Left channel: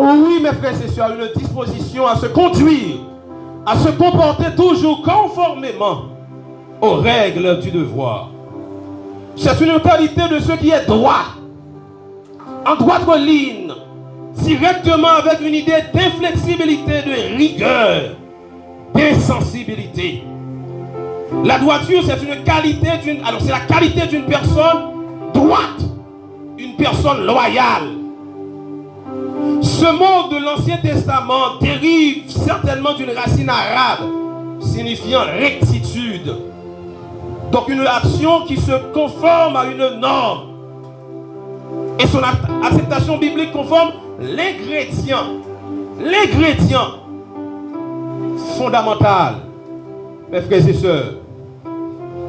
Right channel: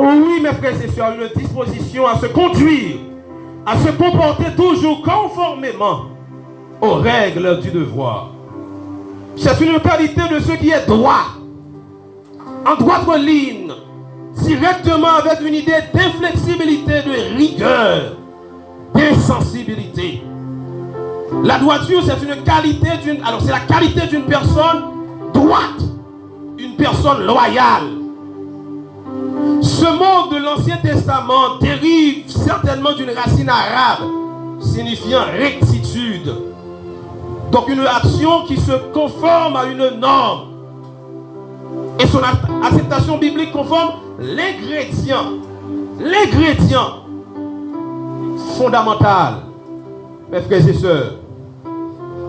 Oui, mes frères et sœurs, une disposition à se conduire, à se comporter toujours conformément aux règles du devoir. C'est une qualité de ce qui est droit, en droite ligne, directement avec une idée d'inflexibilité, de rigueur, d'insensibilité. La droiture, c'est une qualité c'est la qualité d'une personne droite, une personne loyale. Ce mot de l'Ancien Testament dérive certainement d'une racine arabe signifiant rectitude. Donc une action qui se conforme à une norme. Et son acceptation biblique conforme l'ingrédient fondamental, mes frères et sœurs,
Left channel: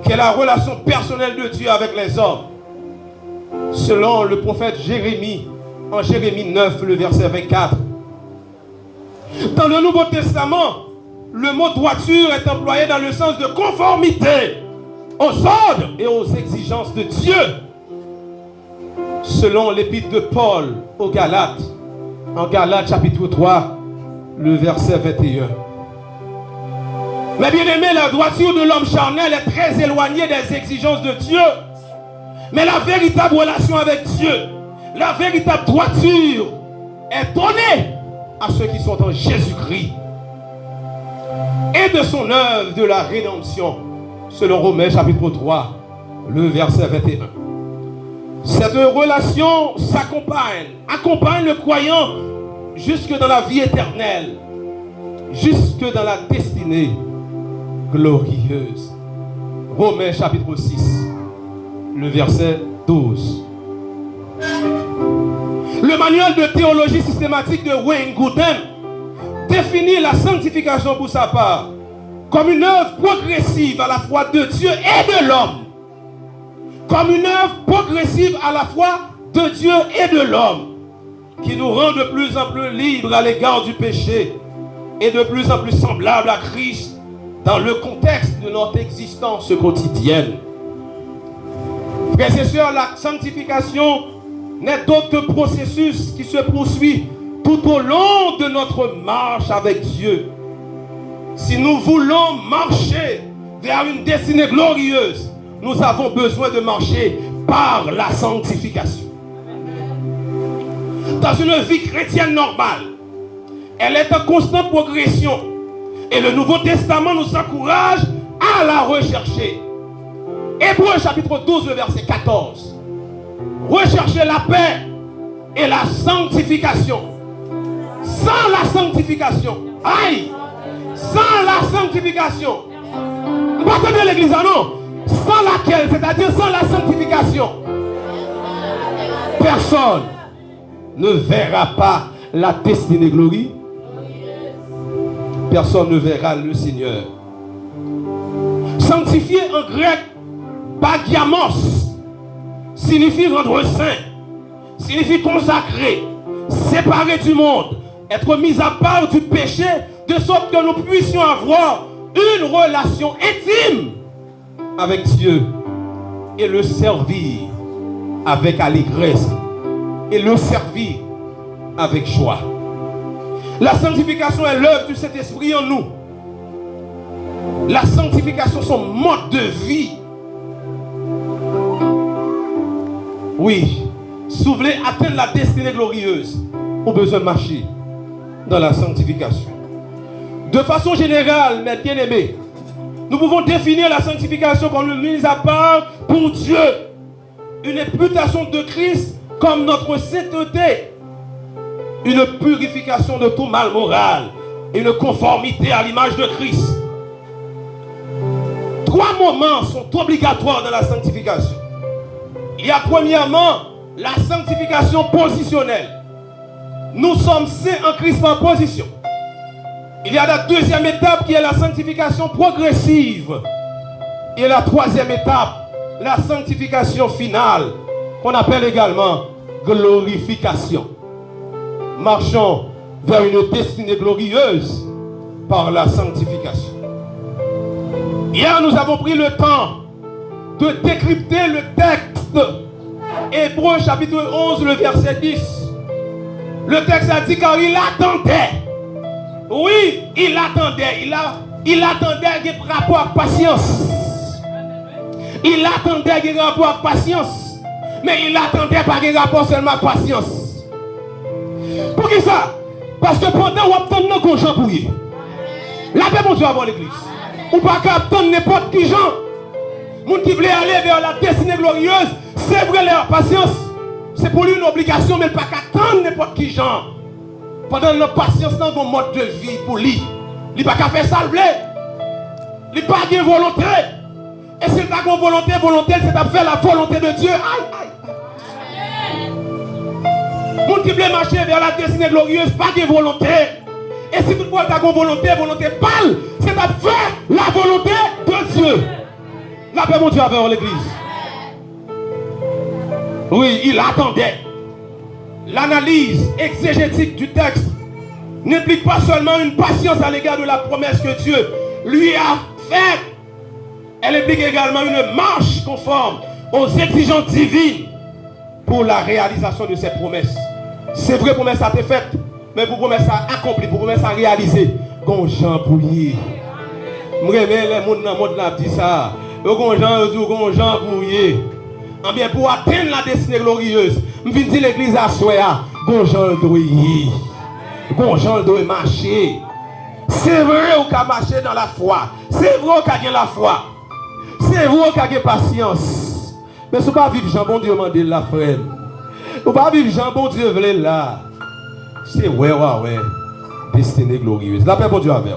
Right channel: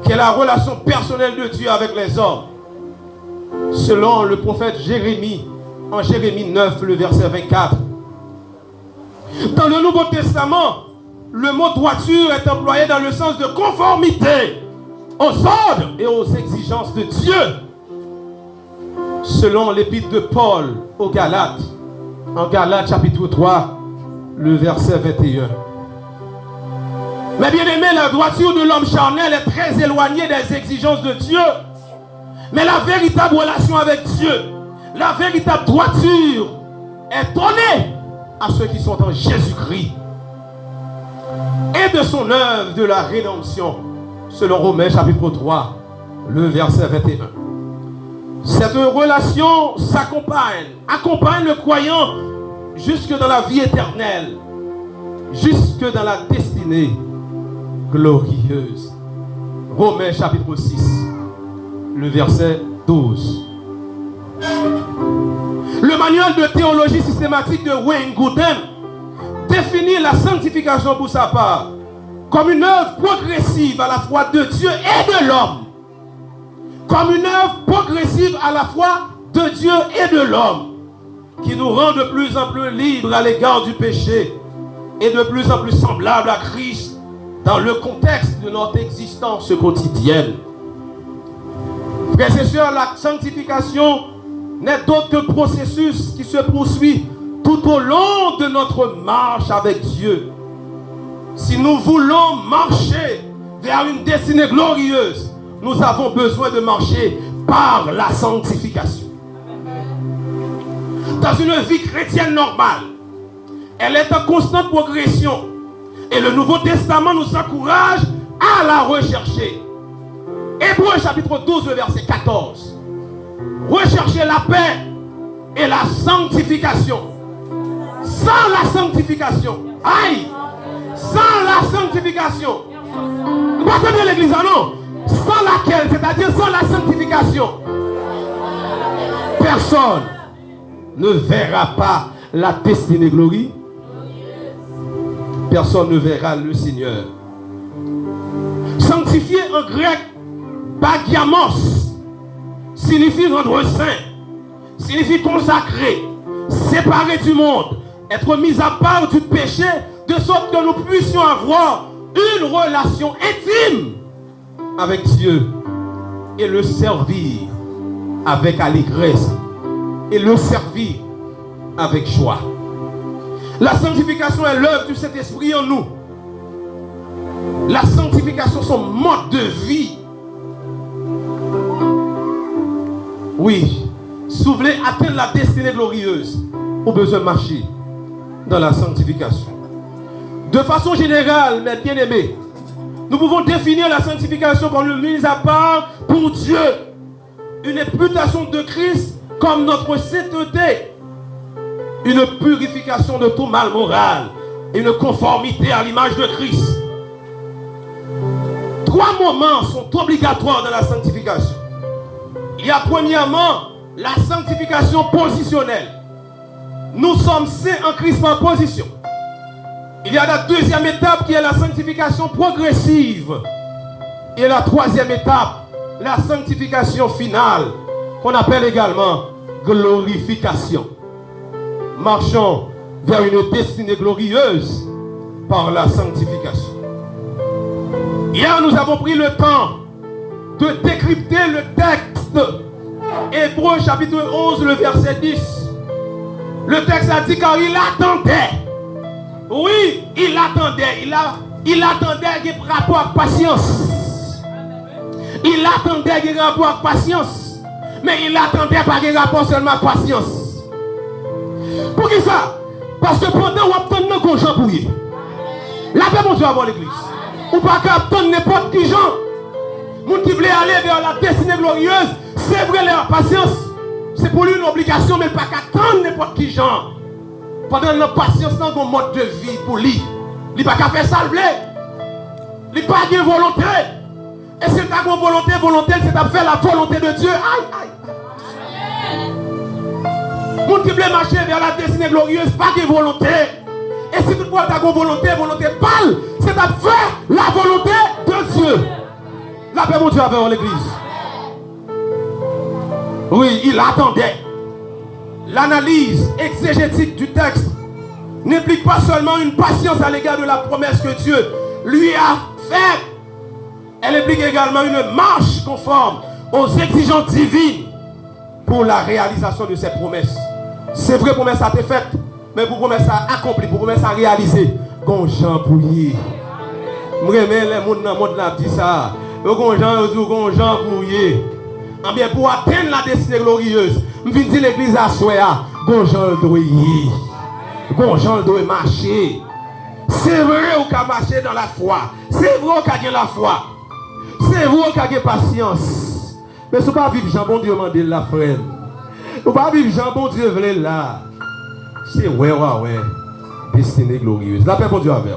qui est la relation personnelle de Dieu avec les hommes. Selon le prophète Jérémie, en Jérémie 9, le verset 24. Dans le Nouveau Testament, le mot droiture est employé dans le sens de conformité aux ordres et aux exigences de Dieu. Selon l'épître de Paul aux Galates, en Galates chapitre 3, le verset 21. Mais bien aimé, la droiture de l'homme charnel est très éloignée des exigences de Dieu. Mais la véritable relation avec Dieu, la véritable droiture est donnée à ceux qui sont en Jésus-Christ et de son œuvre de la rédemption, selon Romains chapitre 3, le verset 21. Cette relation accompagne le croyant jusque dans la vie éternelle, jusque dans la destinée glorieuse. Romains chapitre 6, le verset 12. Le manuel de théologie systématique de Wayne Grudem définit la sanctification pour sa part comme une œuvre progressive à la fois de Dieu et de l'homme. Comme une œuvre progressive à la fois de Dieu et de l'homme, qui nous rend de plus en plus libres à l'égard du péché et de plus en plus semblables à Christ dans le contexte de notre existence quotidienne. Frères et sœurs, la sanctification n'est d'autre que processus qui se poursuit tout au long de notre marche avec Dieu. Si nous voulons marcher vers une destinée glorieuse, nous avons besoin de marcher par la sanctification. Dans une vie chrétienne normale, elle est en constante progression et le Nouveau Testament nous encourage à la rechercher. Hébreux chapitre 12, le verset 14. Recherchez la paix et la sanctification. Sans la sanctification, sans la sanctification, vous ne connaissez l'église, non? Sans laquelle, c'est-à-dire sans la sanctification, personne ne verra pas la destinée glorieuse. Personne ne verra le Seigneur. Sanctifier en grec, bagiamos, signifie rendre saint, signifie consacrer, séparer du monde, être mis à part du péché, de sorte que nous puissions avoir une relation intime avec Dieu et le servir avec allégresse et le servir avec joie. La sanctification est l'œuvre du Saint-Esprit en nous. La sanctification, son mode de vie. Oui, si vous voulez atteindre la destinée glorieuse, vous avez besoin de marcher dans la sanctification. De façon générale, mes bien-aimés, nous pouvons définir la sanctification comme une mise à part pour Dieu, une imputation de Christ comme notre sainteté, une purification de tout mal moral et une conformité à l'image de Christ. 3 moments sont obligatoires dans la sanctification. Il y a premièrement la sanctification positionnelle. Nous sommes saints en Christ par position. Il y a la deuxième étape qui est la sanctification progressive. Et la troisième étape, la sanctification finale, qu'on appelle également glorification. Marchons vers une destinée glorieuse par la sanctification. Hier, nous avons pris le temps de décrypter le texte. Hébreux chapitre 11, le verset 10. Le texte a dit car il attendait. Oui, il attendait. Il attendait un rapport avec patience. Il attendait un rapport avec patience. Mais il attendait pas un rapport seulement avec patience. Pour qui ça? Parce que pendant qu'on attend nos gens pour y. La paix, mon Dieu, avant l'église. Ou pas qu'à attendre n'importe qui gens. Moun qui voulait aller vers la destinée glorieuse, c'est vrai leur patience. C'est pour lui une obligation, mais pas qu'à attendre n'importe qui gens. Pendant la patience, dans mon mode de vie pour lui. Il n'a pas qu'à faire ça, il n'a pas de volonté. Et c'est ta volonté, c'est à faire la volonté de Dieu. Aïe, aïe. Moun qui voulait marcher vers la destinée glorieuse, pas de volonté. Et si toutefois tu as une volonté pâle, c'est à faire la volonté de Dieu. La paix, mon Dieu, avec l'église. Oui, il attendait. L'analyse exégétique du texte n'implique pas seulement une patience à l'égard de la promesse que Dieu lui a faite. Elle implique également une marche conforme aux exigences divines pour la réalisation de ces promesses. C'est vrai, promesse a été faite, mais pour promesse à accomplir, pour promesse à réaliser, qu'on Jean Pouillet. Je remets les gens dans le monde là, dit ça. Qu'on Jean Pouillet. Bien, pour atteindre la destinée glorieuse, je viens dire l'église à soi, qu'on Jean doit y. Qu'on Jean doit marcher. C'est vrai qu'on a marché dans la foi. C'est vrai qu'on a gagné la foi. C'est vrai qu'on a gagné patience. Mais ce n'est pas vivre Jean, bon Dieu m'a dit la frère. Ce n'est pas vivre Jean, bon Dieu veut là. C'est ouais. Destinée glorieuse. La paix, bon Dieu avec.